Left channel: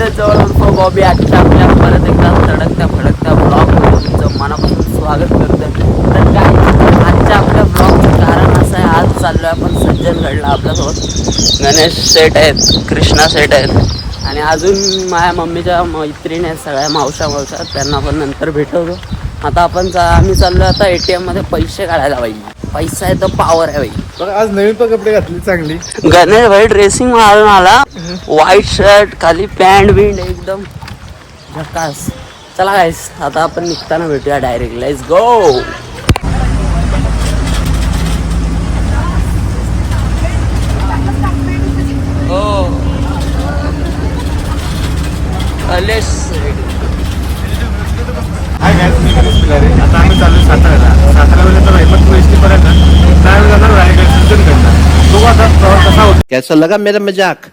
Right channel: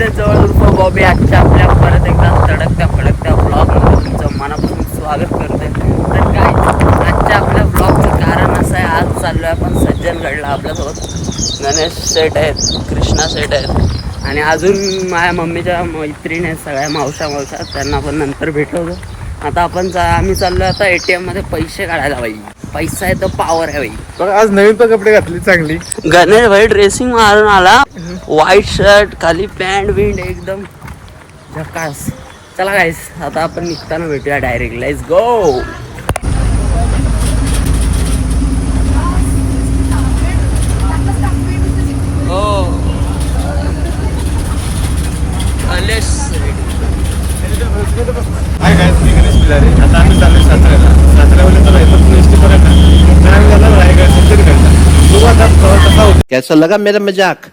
सिद्धेश जवळ उर्फ बॉबी आजच्या आपल्या परत एकदा तडकत्या फडकत्या ब्लॉगमध्ये तुमचं मनापासून स्वागत करतोय. तर काय आजच्या आपल्या ब्लॉगचं कारण असं आहे, आज चाललो आहे आपण सज्जनगडला. आपल्यासोबत गणेश सेट आहेत, कृष्णा सेट आहेत आणि अजून माझ्या मम्मीच्या मैत्रिणी आहेत सगळ्या मावशा त्यांना पण नंतर भेटवतो. आता आम्ही चाललो आता ATM मध्ये पैसे काढायला. बाई पैसा आहे तर पावर आहे बाई. आज नवीन तर कपडे घातले चांगली. गणेश भाई ड्रेसिंग मारून आला, व्हाईट शर्ट खाली पॅन्ट बिंड एकदम झकास. चला गाईस आता आपण निघताना भेटूया direct. Let's go. Hi guys, मी गणेश पिलारे. आता आम्ही चाललो साताऱ्याला तर हिम्मतपूर एसटी पर्यंत काय जाणार आहे काय सज्जनगडला. बघू आता प्रवास कसा होतो. कैसा लगा मेरा मजाक?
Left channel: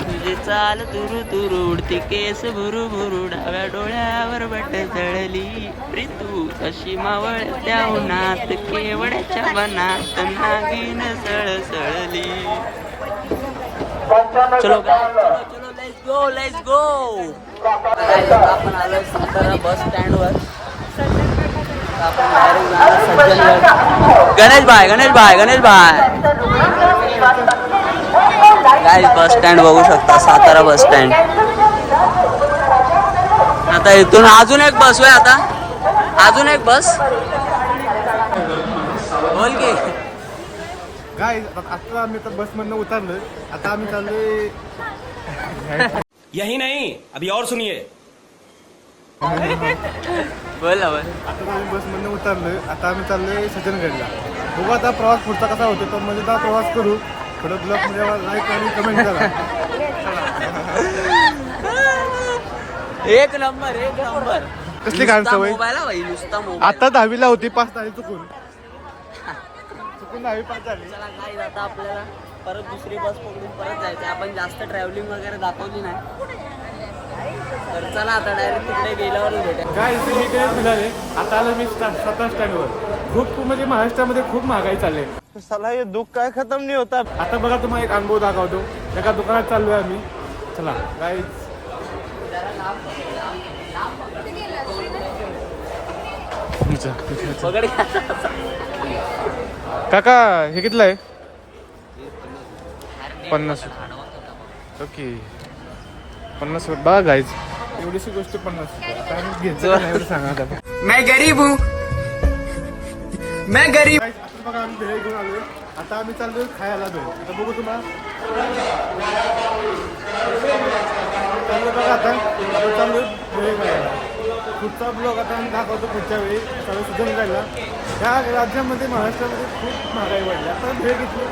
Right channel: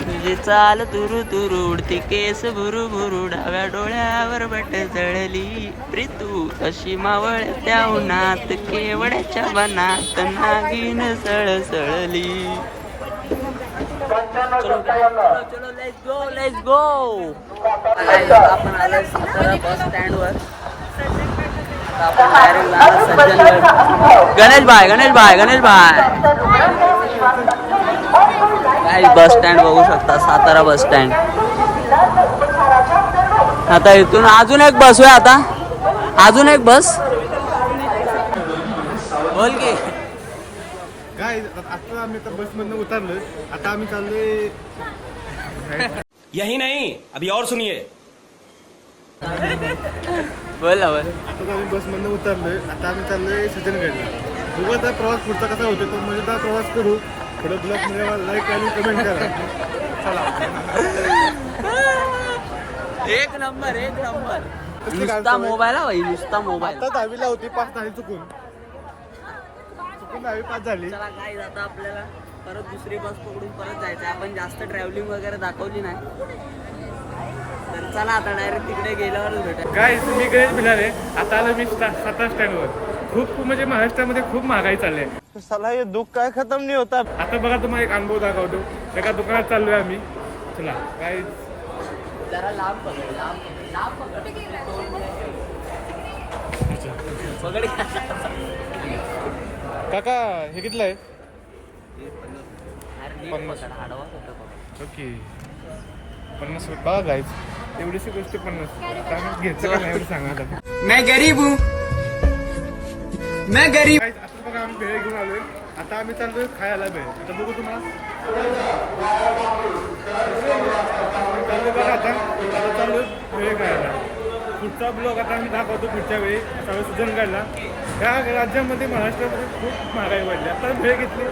तुझी चाल तुरु तुरु उडती केस भुरु भुरु डाव्या डोळ्यावर बट जळली प्रीतू अशी मावळ त्या उन्हात केवड्याच्या बनात नागिन सळसळली. चलो चलो लेट्स गो. आपण आलोय सातारा बस स्टँड वर. आता आपण डायरेक्ट जाणार सज्जनगड. गणेश भाई काय बस स्टँड बघू शकता, सातारा बस स्टँड. आता इथून अजून एक बस आहे. आता अजून एक बस बोल की. गाइस आता आम्ही तर बस मधनं उतरलोय. आता आम्ही चाललोय. यही नहीं, अभी और सुनिए. बोल. आता आम्ही बस मधनं उतरलोय. आता आम्ही चाललोय सज्जनगडला. बघू आता प्रवास पुढचा कसा होतो. तो मजेदार प्रवास करू. थोडं ब्लॉग मध्ये लाईक आणि कमेंट करा. एक नंबर कसली घाण नुसता सवय? मोबाईल हा भाई, नुसता मोबाईल. आता 10वीला होती, 5 तारीख चुकून 10वी पास झाली. चला काय आता आपल्याला परत दुसरी बस पकडून परत जायचं. आपण जास्त ट्रॅव्हलिंग वगैरे दाखवली नाही, तर चला आता डायरेक्ट तिकडे गेल्यावरच भेटू. गाइस मी गणेश पिलारे. आता आलो मी सातारा स्टँडवर. खूप म्हणजे महाराष्ट्रामध्ये खूप महागाई चालली आहे. साला हे दुख काय खत्म नहीं होता. आता बघा तुम्हाला एक अनुभव दाखवतो. एका दुकानात चाललोय आम्ही. चला गाइस. काका हे कितलं आहे? 50. ओके 50 रुपये. बघा गाइस एवढीशी गोष्ट 50 रुपये. आता आम्ही घ्यायचं का नाही एवढं सांगा आता. मैं गरीब हूँ. Guys, आता बघा आम्ही भेळ घेऊन आलोय. आता आम्ही चाललोय खायला भेळ. आता बघू तुम्हाला चाललोय बघा. आता चाललोय भेळ खायला. पुढचा ब्लॉग आता आम्ही दाखवतो पुढच्या वेळी. चालू सज्जनगडला. या राज्यामध्ये महाराष्ट्रामध्ये खूप महागाई वाढली. आता भेळ घेतली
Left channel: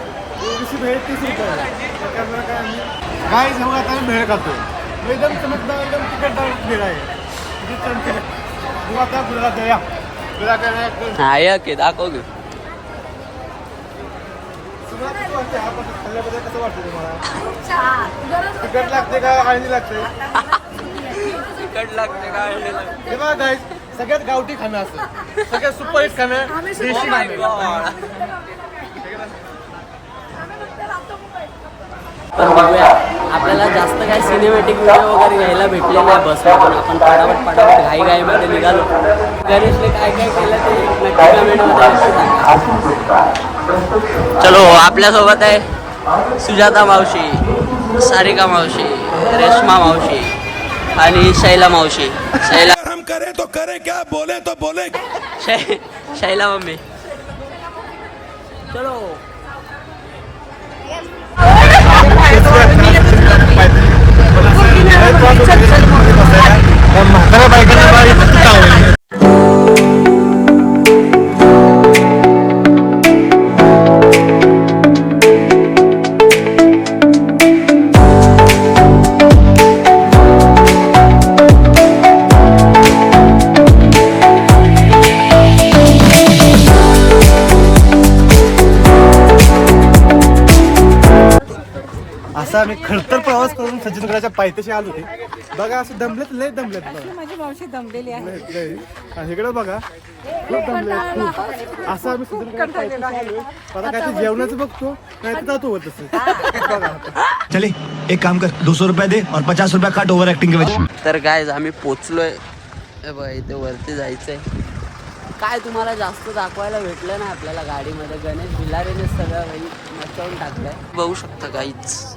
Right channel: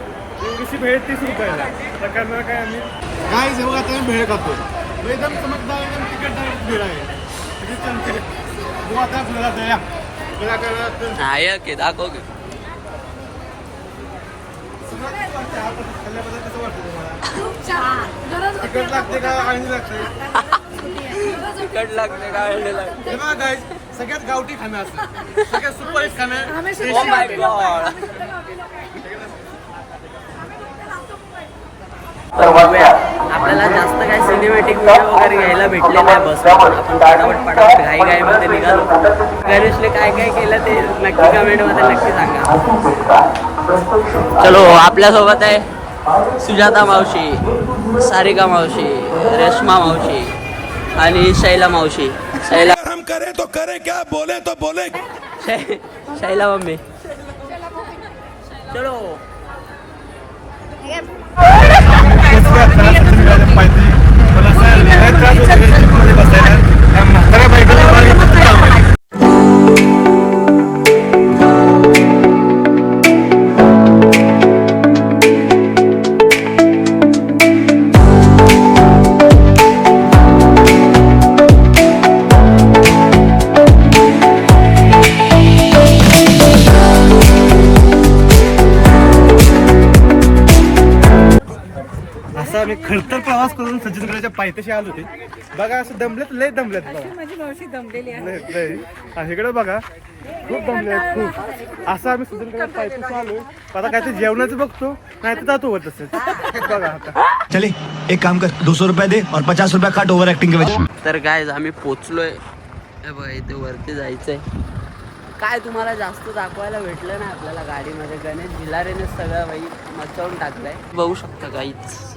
एवढीशी भेळ 30 रुपयाला. आता करणार काय आम्ही. गाईज हे बघा आता आम्ही भेळ खातो. एकदम चमकदार एकदम तिखटदार भेळ आहे. बघू आता आपल्याला द्या. की दाखव तू. खाल्ल्याबद्दल कसं वाटतं तुम्हाला? तिखट लागते का आळणी लागते? तिखट लागते का आळणी लागते? हे बघा गाईस, सगळ्यात गावठी खाणं असतं. सगळ्यात सुपरहिट खाणं. Oh my God. पण बघूया आपल्याला जास्त काय सिनेमॅटिक व्हिडिओ वगैरे घ्यायला भेटले नाही बसला. पण आपण पटापट घाईमध्ये निघालो. गणेशने काय काय केलं ते नक्की कमेंटमध्ये नक्की सांगा. चलो आपल्यासोबत आहे सुजाता मावशी, सारिका मावशी, रेश्मा मावशी आणि शैला मावशी. शैला हम करे तो करे क्या, बोले तो बोले. शैला मम्मी. चलो असा आम्ही खडतर प्रवास करून सज्जनगडाच्या पायथ्याशी आलो होते. बघा असं दमलेत, लय दमलेत. माझी मावशी दमलेली आहे. इकडे बघा खूप दमले खूप. असं आम्ही सुजनकडे पायथ्याशी आलोय. आता काय ते जेवणाचं बघतो नाही तर जातो होत असेल. बघा आता चले एक काम कर 200 रुपया दे और 50 रुपया काट ओवर एक्टिंग के वजह तर गाइस आम्ही पोचलोय. हे बघा इथे वरती जायचंय. काय तुम्हाला जास्त दाखवायला भेटलं ना आपल्याला गाडीमध्ये. गणेश भिलारेने सगळं भाई मचवून टाकलंय. बघू शकता गाईच.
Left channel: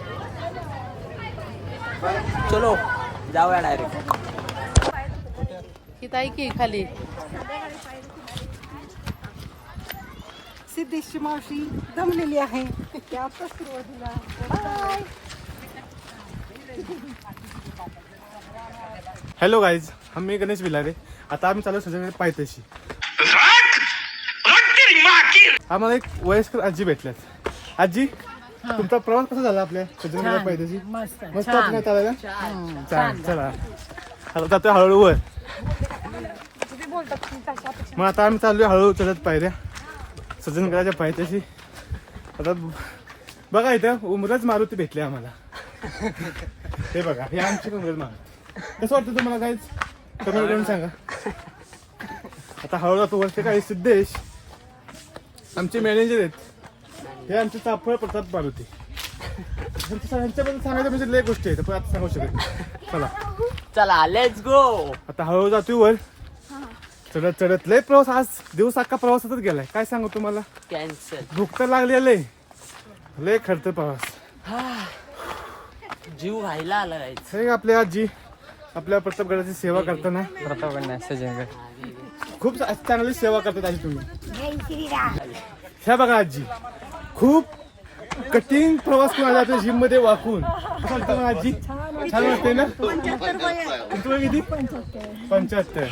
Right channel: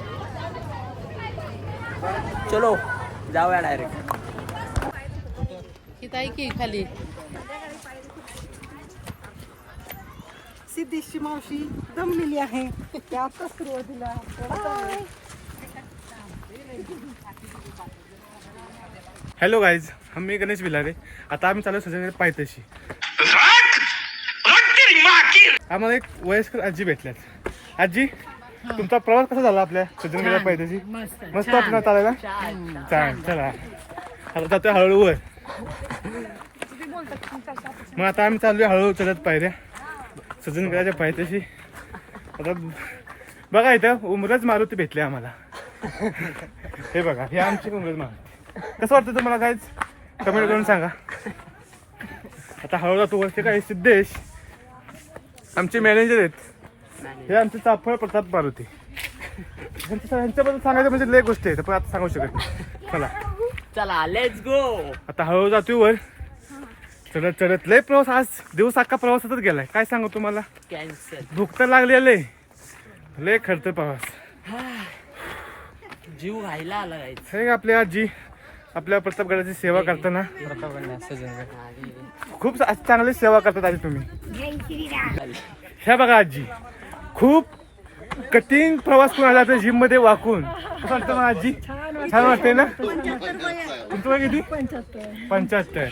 चलो जाऊया डायरेक्ट. हिताई की खाली सिद्धेशची मावशी दमलेली आहे. बाय. हॅलो गाईज, मी गणेश भिलारे. आता आम्ही चालू सजनकडे पायथ्याशी. आम्हाला एक वयस्कर आजी भेटल्यात. आजी तुमचा प्रवास कसा झाला आपल्या सजनकडे पायथ्याशी? मस्त वाटलं ना चालायला? छान. चला आता जातोय हळूहळू वर. मग आता आम्ही चाललोय हळूहळू चलत पायऱ्या सजनगडाच्या पायथ्याशी. आता बघा इथं उमरच मारुती भेटले आम्हाला. हे बघा हे आमची उमरच मारुती. कसं वाटतं तुम्हाला काहीच कमेंट करून सांगा. आता हळूहळू जातो वरचे. काही सिद्धेश आमचे मॅनेजर आहेत. हे आमचे चाफळ प्रताप मारुती. ह्यांच्याबद्दल सांगायचं म्हणजे लय गोष्टी आहेत पण आता सांगू शकत नाही. चला लेट्स गो. आता हळूहळू जातोय वर चढत चढत. लय प्रवास आज दिवस अख्खा प्रवासातच गेलाय. काय सांगू तुम्हाला. कॅन्सल. भूक तर लागली लय खर्च प्रवास. जीव व्हायला आला गाईच. हे आपल्या आजी आपल्या प्रतापगडाची सेवा करताना खूप चांगली सेवा करतात आजी तुम्ही. ह्या बघा आजी खूप कठीण प्रवास करून आला जिम मध्ये वाकून. कसं वाटतं मग आजी? छान वाटते ना. तुमचं वय किती? 75.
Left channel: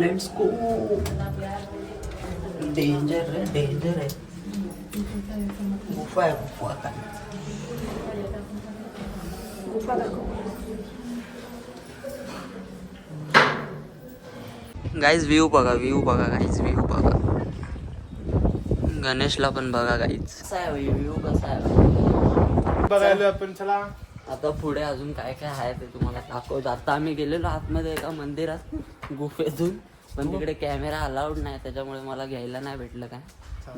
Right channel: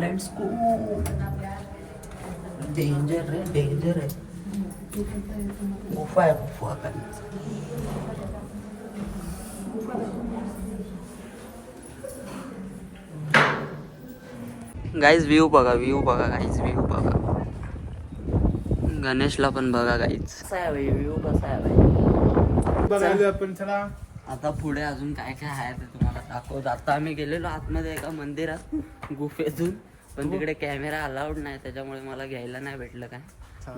Let's go. डेंजर है, डेंजर है. गुफा है, गुफा का. गाईज व्ह्यू बघा गाईज व्ह्यू बघा. गणेशला पण बघा गाईज. कसा आहे भाई व्ह्यू, कसा आहे भाई. बघायला आपण चला. आता पुढे अजून काय काय आहे ते तुम्हाला दाखवतो. आता आम्ही गेलेलो आतमध्ये एका मंदिरात गुफेतून, पण तिकडे कॅमेरा अलाउड नाही, त्याच्यामुळे मला घ्यायला नाही भेटलं काय.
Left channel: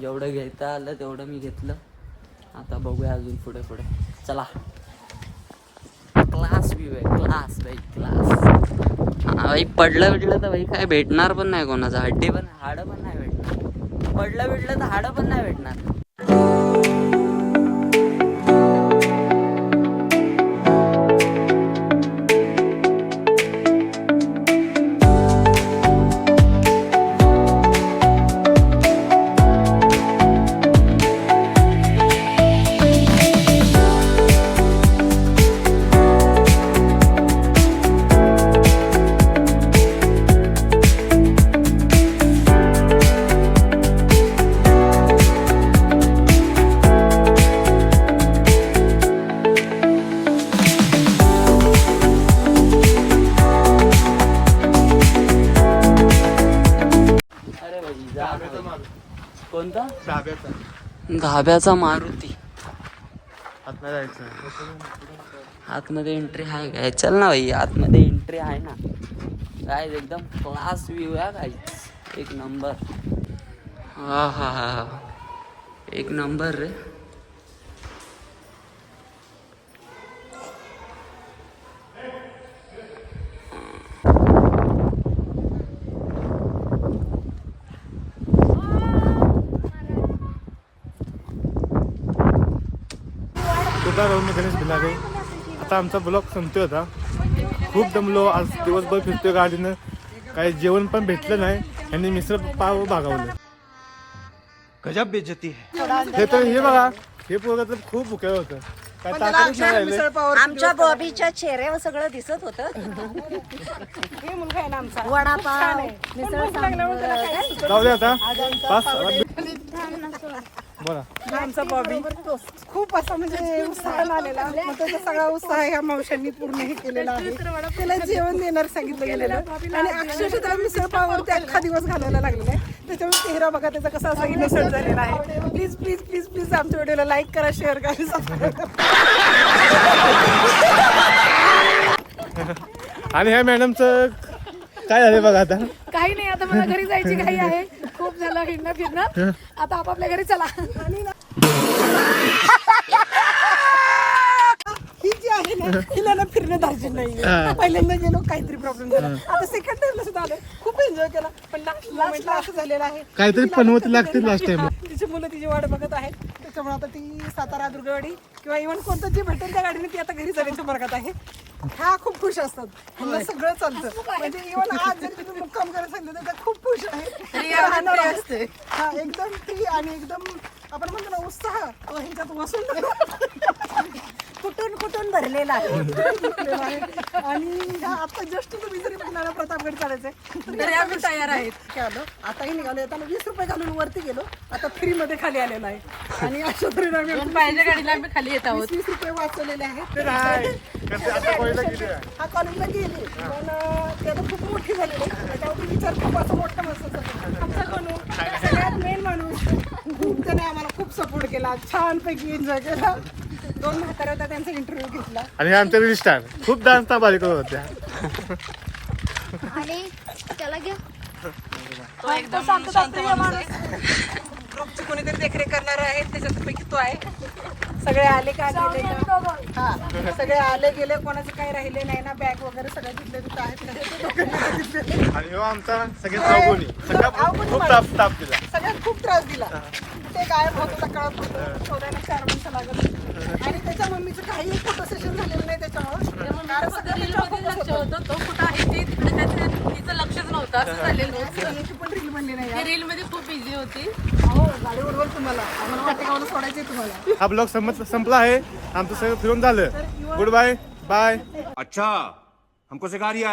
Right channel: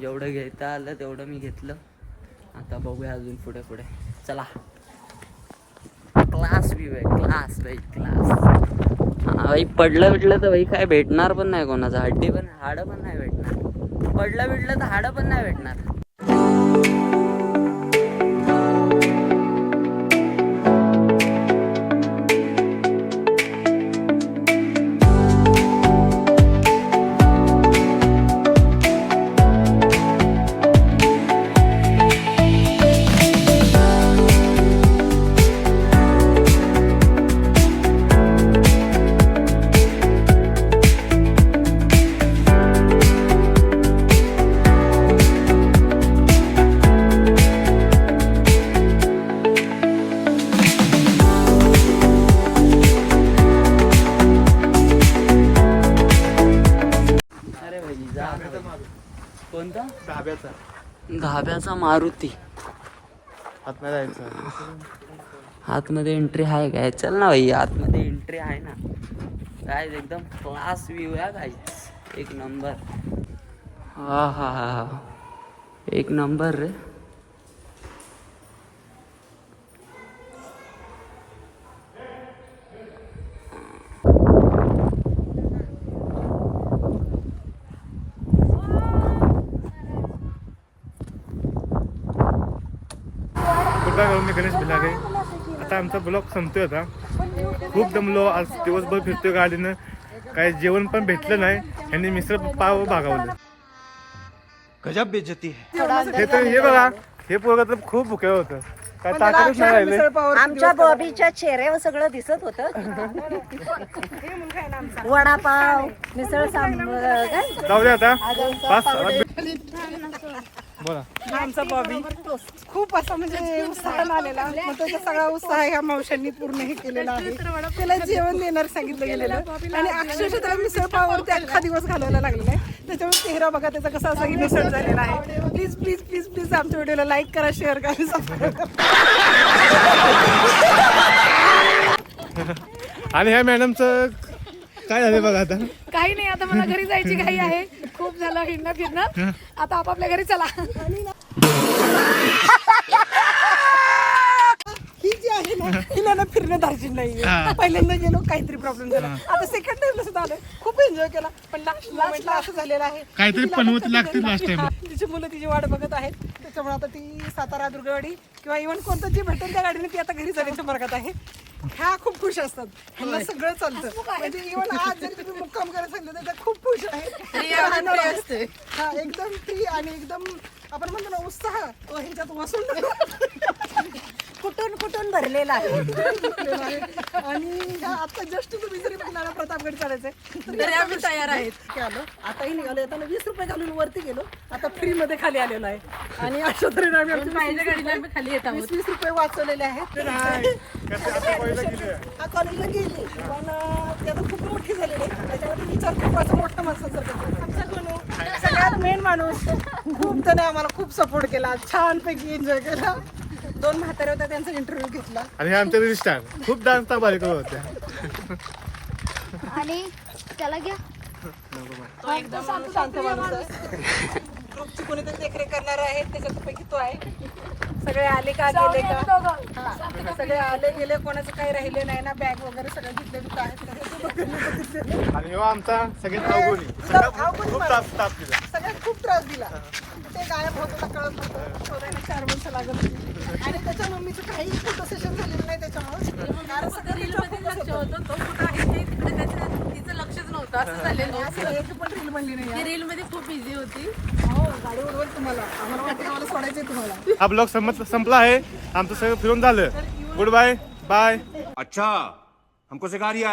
जेवढं घेता आलं तेवढं मी घेतलं. आता बघूया अजून पुढे पुढे. चला. क्लास व्ह्यू आहे, क्लास भाई क्लास. हा भाई पडलं बिडलं तर भाई काय भेटणार पण नाही कोणाचं. हड्डी पण हाडं पण नाही भेटणार. पडलं बिडलं तर हाडं पण नाही भेटणार. कोणता? धाब्याचा मारुती. आतमध्ये एंट्री आहे काय? चल ना भाई, आतमध्ये एंट्री आहे ना. काय एकदम क्लास व्ह्यू आहे काय. एक नंबर. हा हा हा हा, एक नंबर रे. तुला राहून मी गणेश भिलागे. आता आमचा ब्लॉग संपतोय. आता खूप दमलो आज, दिवसभर फिरतोय गाडीनं. काही जेवण पण भेटलं नाही. यांनी मिसळ पाव भागावलं. गजब बेइज्जती है. हे तर हे बघा, हे पोरगं तर खूप भुकेलं होतं. काय ताकदच नाही राहिले. आमच्या बॉबीच्या चेहऱ्यावर सगळं दिसत होतं. वडापाव, मिसळ सांबार. जाऊ दे आता पास. बोला. आमचा बॉबी खूप असा म्हणजे उत्साहानं आलेला. मग त्याचा सगळा उत्साह ह्या मावशांनी पूर्ण हे केलेला आहे. त्याला जेवण देणार सांगितलं गेलेलं आणि अक्षरशः त्याला मिसळ पावावरती अख्खा दिवस घालवायला लागलेला आहे. त्याच्यामुळे चेहरा बघा त्याचा कसा असा इनोसंट झालेला आहे. प्लीज प्लीज प्लीज प्लीज आमच्या व्हिडिओला लाईक करा, शेअर करा, सबस्क्राईब करा. आणि ह्या मॅडमचं काय झालं बघा आता. काही नाही, आता मला घरी जायची घाई आहे. खूप झालं हिंडणं फिरणं, आता आपापल्या घरी चला. ही जी आहे ना, हिला ना फिरणं धार्जिन नाहीये. पहिल्यांदा गेलो काहीतरी प्रॉब्लेम झाला. आता सेकंड टाइमला सुद्धा आलं, खूप एन्जॉय केला. पण लास्ट मोमेंटला असं झालेलं आहे, काहीतरी पनवती लागते लास्ट टाइम. तिची मुलं तिची वाट बघत आहेत. त्याच्यामुळे आता ती सातारा दुर्गवाडी किंवा इव्हन कोणतं जे भेटेल त्या गाडीने ती आता घरी जाण्याच्या मार्गात आहे. ह्या खूप खुश असतात, ह्यांना सगळं चालतं. म्हणजे इव्हन आज जरी तुम्ही मुक्काम करायला सांगितलं तर त्या खूप खुश आहे. हा एकदम फ्री आणि एकदम आपण म्हणतो ना उत्साह तो ह्याच्यात वसूल कुठून कुठून भरलेला आहे. आणि आता जस्ट तुम्ही जरी बघणार प्रतापगड चालायचंय तरी आम्ही तयार आहेत. आलो आताही निघालो. येताना 20 रुपये घालून वरती गेलो, आता फ्री मध्ये खाली आलेलो आहे. आणि अशा तऱ्हेने आम्ही खाली येत आहोत. 20 रुपये वाचवलेले आहेत. हा कॉलेजला गेली पण ती आता खूप मोठी झालेली आहे. त्याच्यावरती विचार खूप असं मोठा माणसाचा आमचा कोण सगळ्यात मेन माणूस. खूप त्याने आम्हाला खूप सपोर्ट केला, छानपैकी एन्जॉय केला. 2 म्हाताऱ्या होत्या, त्यांचा इंटरव्ह्यू घेतला. आणि आमच्या रील स्टार खूप डान्स भारी करत होत्या. तो एकदम शांत माणूस आहे. ग्रुपची कोणीतरी देखरेख करणार आहे, त्याच्यापैकी तो आहे. सगळे आले का गेले का, हा सगळे आले गेले, कोणाचं काही राहिले नाही ना. बॅग वगैरे सगळं तिथले तिथं आहेत. आणि हो आमचा सगळ्यात खूप ताप केला. सगळ्यात खूप त्रास दिला. ते गायब होता कळत होतं. शोधायला 4 माणसं लागत होती. आणि त्याच्या मम्मीचं काही फोटो सेशन झालेलं नाही त्याच्यामुळे. कारण सगळं तिच्यावर focus होतं. तो कुठं आहे ते तिकडे काहीतरी तिचं लक्षच नव्हतं, असं झालेलं होतं. एक पण रील बनली नाही. रील मध्ये खूप बिझी होती. हो गाडी उडवल तुम्हाला. आम्हाला वाटेगावला सोडायचंय तुम्हाला. हा ब्लॉग संपला आहे. आमचं सगळं फिरून झालं. Good bye bye. अच्छा हमको सिखा रिया है.